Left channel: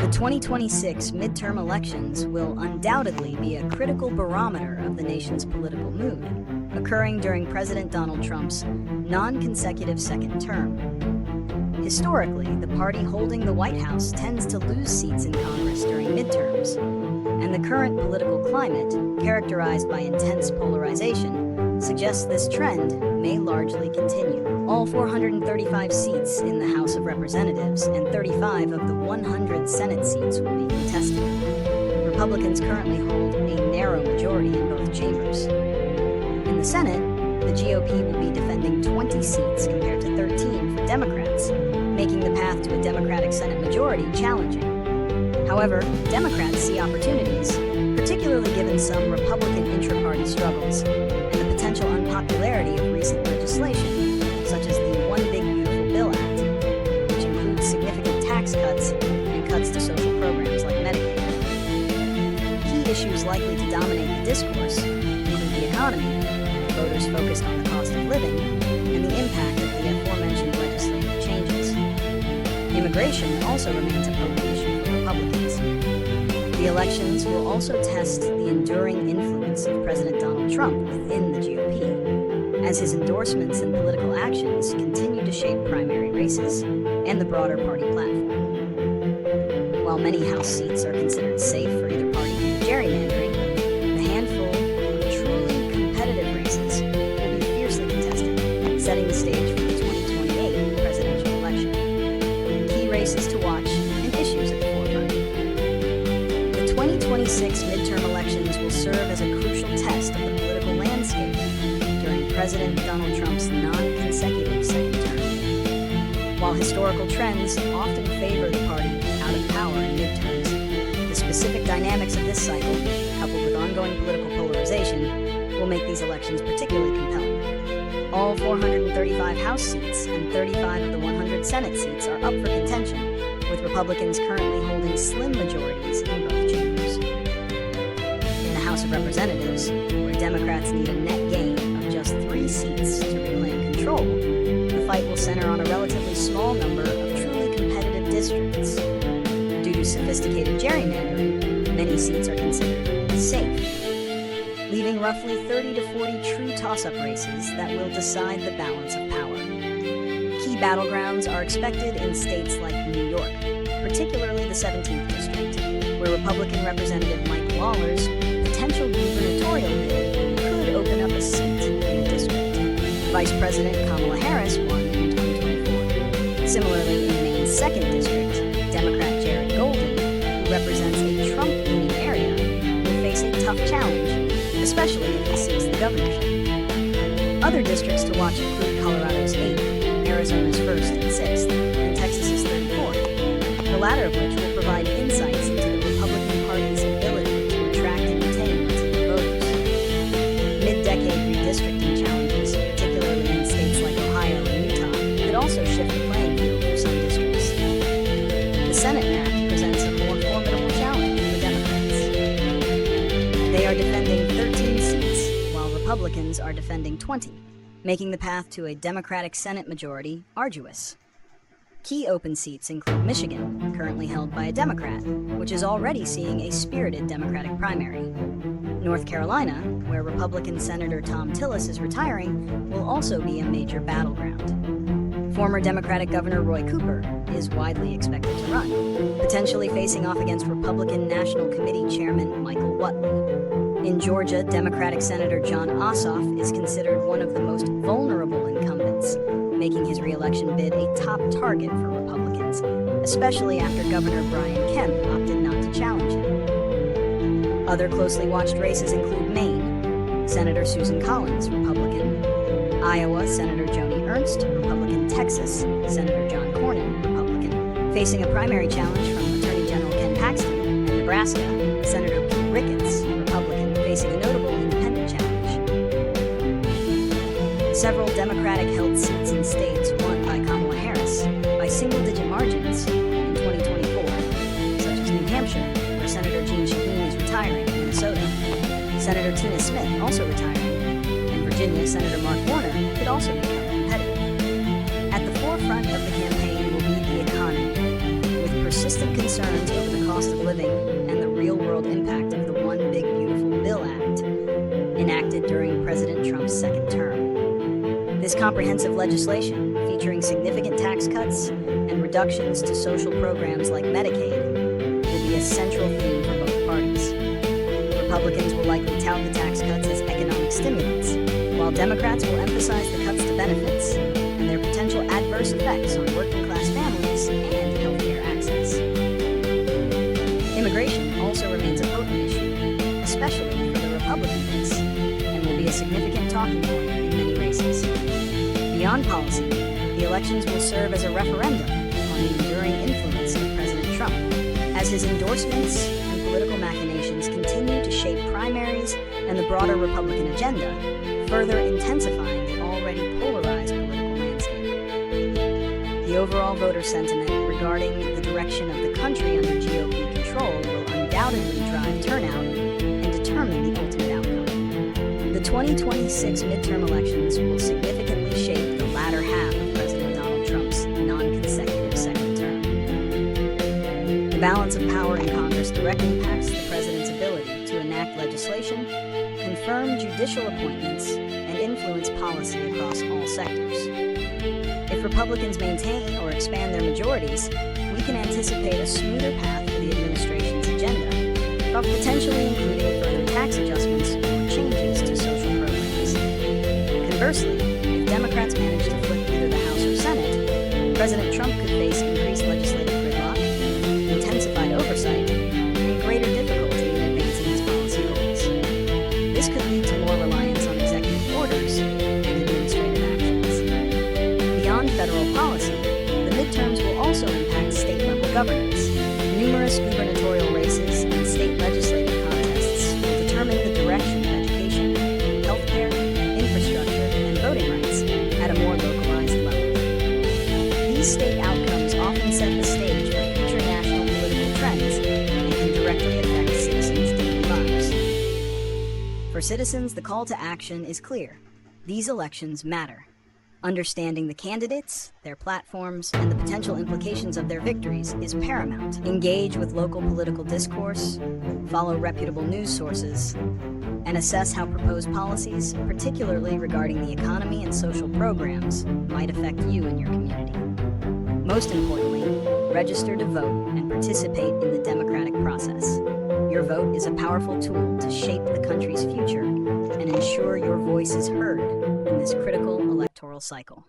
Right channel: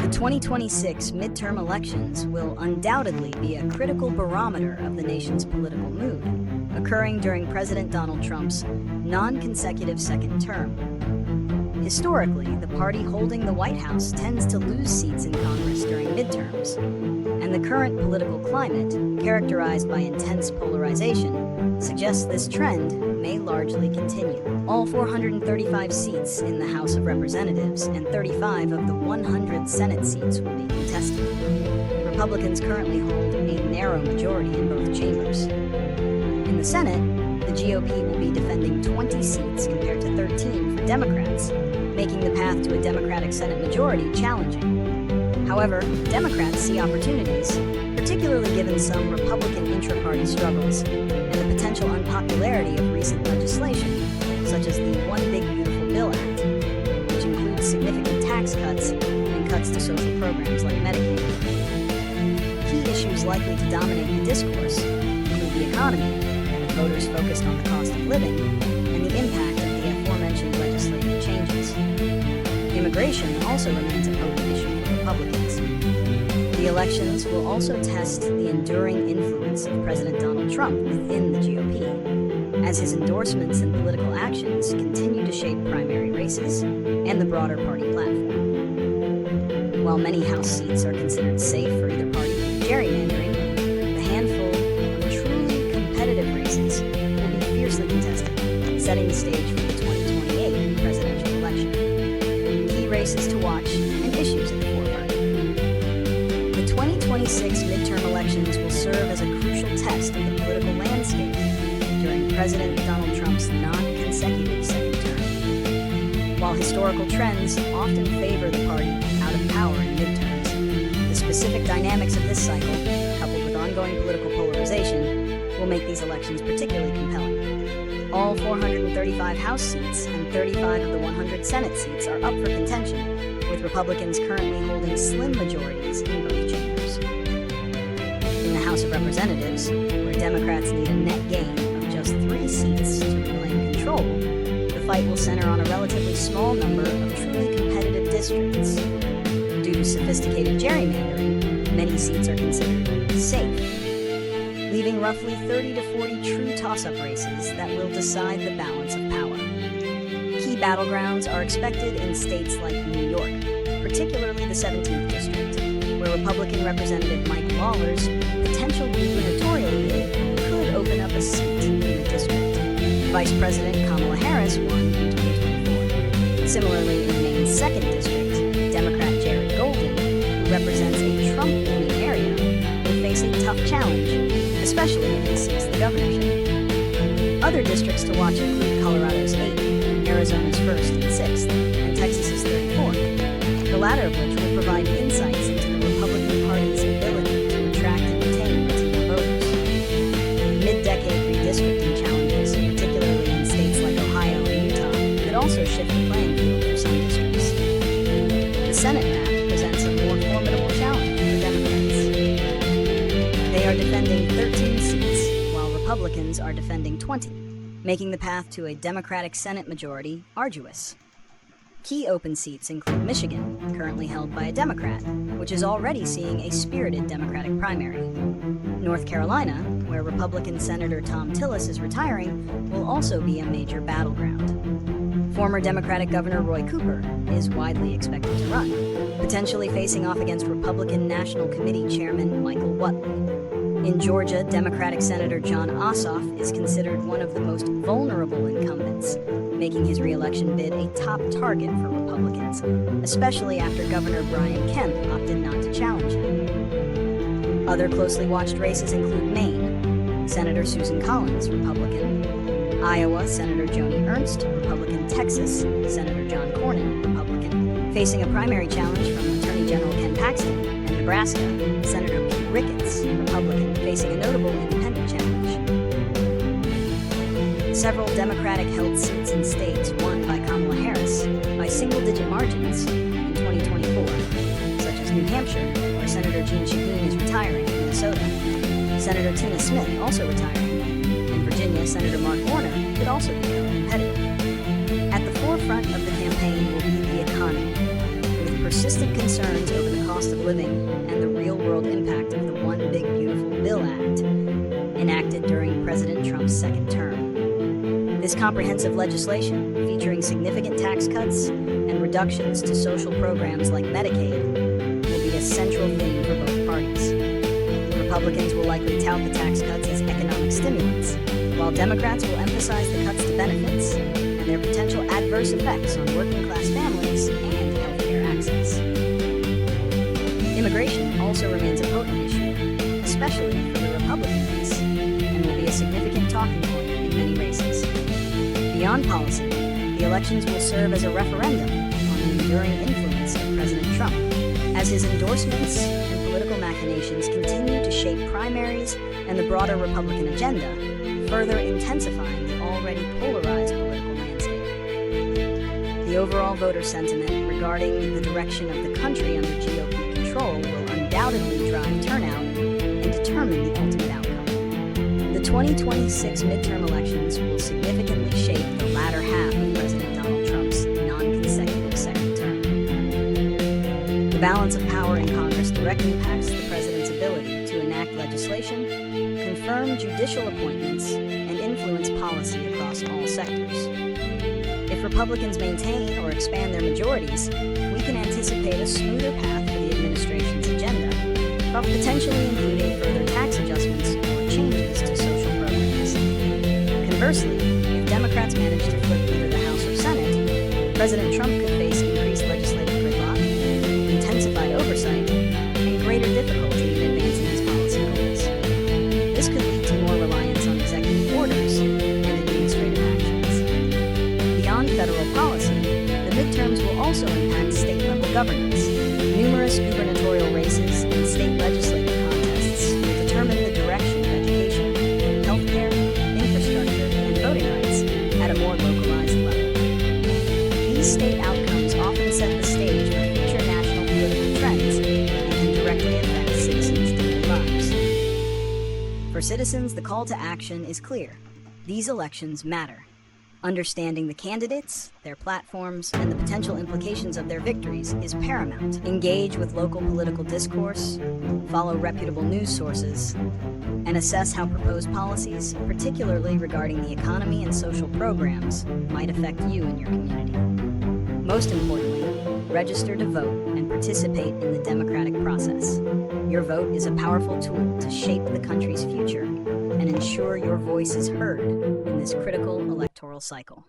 The 2026 midterm elections will undoubtedly be a critical barometer of the nation's political mood, occurring during President Donald Trump's non-consecutive second term. Historically, the party holding the White House tends to lose seats in Congress during midterms, and the current political climate, characterized by intense polarization, suggests this trend may largely continue. All 435 seats in the House of Representatives and 35 of the 100 Senate seats will be contested. Republicans currently hold a narrow majority in both chambers. In the Senate, the GOP will be defending 20 seats compared to 13 for Democrats, making the path to a Democratic Senate majority challenging. However, Democrats see opportunities, particularly given some Republican intra-party struggles and the potential unpopularity of recent legislation, such as the One Big Beautiful Bill Act, which includes significant tax cuts and cuts to social programs like Medicaid. Key issues likely to dominate the discourse include the economy, with voters focused on the cost of living, and the impact of the aforementioned legislative changes. Immigration also remains a potent issue for Republicans. The elections will also test the enduring influence of President Donald Trump within the GOP, as his endorsements and political actions continue to shape primary races and the broader party platform. While many House seats are considered safe for either party due to gerrymandering, the handful of truly competitive races will be fiercely contested, setting the stage for the 2028 presidential election. Key races to watch and issues at the forefront. The 2026 midterm elections will serve as a crucial test of the political landscape during President Donald Trump's non-consecutive second term. While historical trends often favor the party out of power in midterms, the specific dynamics of this cycle, coupled with ongoing political polarization, will make these elections particularly compelling. All 435 House seats and 35 of the 100 Senate seats are up for contention, with Republicans currently holding slim majorities in both chambers. In the House of Representatives, where Democrats need a net gain of just 3 seats to reclaim control, the fight will center on a relatively small number of truly competitive districts. Due to sophisticated gerrymandering, many seats are considered safe, leaving roughly 30 to 40 true toss-up races that will decide the balance of power. Key battlegrounds are expected in states like New York, particularly the 17th District, where Republican Representative Mike Lawler's potential gubernatorial bid could open up a seat in the district. Vice President Kamala Harris won in 2024. Similarly, in Maine's 2nd District, Democrat Jared Golden, who represents a Trump-leaning area, will face a tough challenge, especially if he seeks the governorship. Other districts to watch include Colorado's 8th, Arizona's 1st and 6th, and Texas's 34th, the latter of which will provide insights into the Republican Party's ability to attract and retain Latino voters. Mid-decade redistricting challenges, particularly in states like Ohio and Utah, could also shift the playing field for some districts. The Senate map presents a more formidable challenge for Democrats. They are defending 13 seats, while Republicans are defending 20, making the path to a Democratic Senate majority arduous. Key open seats include Michigan, currently held by a Democrat, which is already seeing a spirited Democratic primary. North Carolina, where Republican Senator Thom Tillis is retiring, will also be a major battleground. Former Democratic Governor Roy Cooper is widely expected to run, potentially facing off against Republican National Committee Chairman Michael Whatley. In Georgia, Democratic Senator Jon Ossoff is considered one of the most vulnerable incumbents, making his re-election bid a top target for Republicans, especially after Governor Brian Kemp opted not to challenge him. Other closely watched races include Maine, Senator Susan Collins, Republican; Iowa, Senator Joni Ernst, Republican; Texas, Senator John Cornyn, Republican, facing a primary challenge from Attorney General Ken Paxton; and Nebraska, Senator Pete Ricketts, Republican, facing a notable independent challenge. Several Democratic-held seats in states won by Kamala Harris by single-digit margins in 2024, such as New Hampshire, where Senator Jeanne Shaheen is retiring, Minnesota, Senator Tina Smith also retiring, and Virginia, Senator Mark Warner could also become competitive. At the forefront of the campaign will be the economy. with persistent concerns over the cost of living and the real-world impact of the One Big Beautiful Bill Act, enacted during President Trump's second term. This comprehensive legislation, featuring significant tax cuts and reductions to social programs like Medicaid, will be a central theme for both parties. Republicans will likely tout the tax cuts as economic stimulants, while Democrats will emphasize the cuts to benefits and their potential adverse effects on working-class families and healthcare access. Immigration also remains a potent issue, especially for the Republican base, and will be a significant talking point in many races. Beyond policy, the elections will serve as a referendum on the enduring influence of President Trump, as his endorsements and political machinations continue to shape primaries and the broader Republican agenda, further intensifying the already polarized political landscape. The overall voter sentiment regarding the direction of the country under GOP control will undoubtedly drive turnout and determine the ultimate outcome. The 2026 midterm elections will significantly shape the latter half of President Donald Trump's non-consecutive second term. The balance of power in Congress directly impacts the president's ability to enact legislation, confirm judicial appointments, and influence policy across all sectors. If Republicans maintain or expand their majorities, we can anticipate a smoother path for the administration's agenda, potentially including further tax adjustments or changes to social programs. Conversely, if Democrats manage to flip either the House or Senate, President Trump could face increased legislative gridlock, intensified oversight, and greater difficulty in advancing his policy goals. This could lead to more reliance on executive orders and administrative actions. Beyond federal policy, the midterms will also impact state-level governance. Numerous gubernatorial races and state legislative contests will determine the direction of education, healthcare, infrastructure, and voting rights at a more localized level. These state outcomes often set the stage for future national political trends and can directly affect citizens' daily lives. For citizens, the call to action is clear. These elections matter. Understanding the candidates, their platforms, and the potential implications of their victories is paramount. Engage with local political discourse, follow reputable news sources, and assess how proposed policies, particularly regarding the economy and social programs, might affect you and your community. Most importantly, register to vote and participate in the democratic process. Your vote is a powerful tool to shape the country's future and ensure your voice is heard in this critical electoral cycle.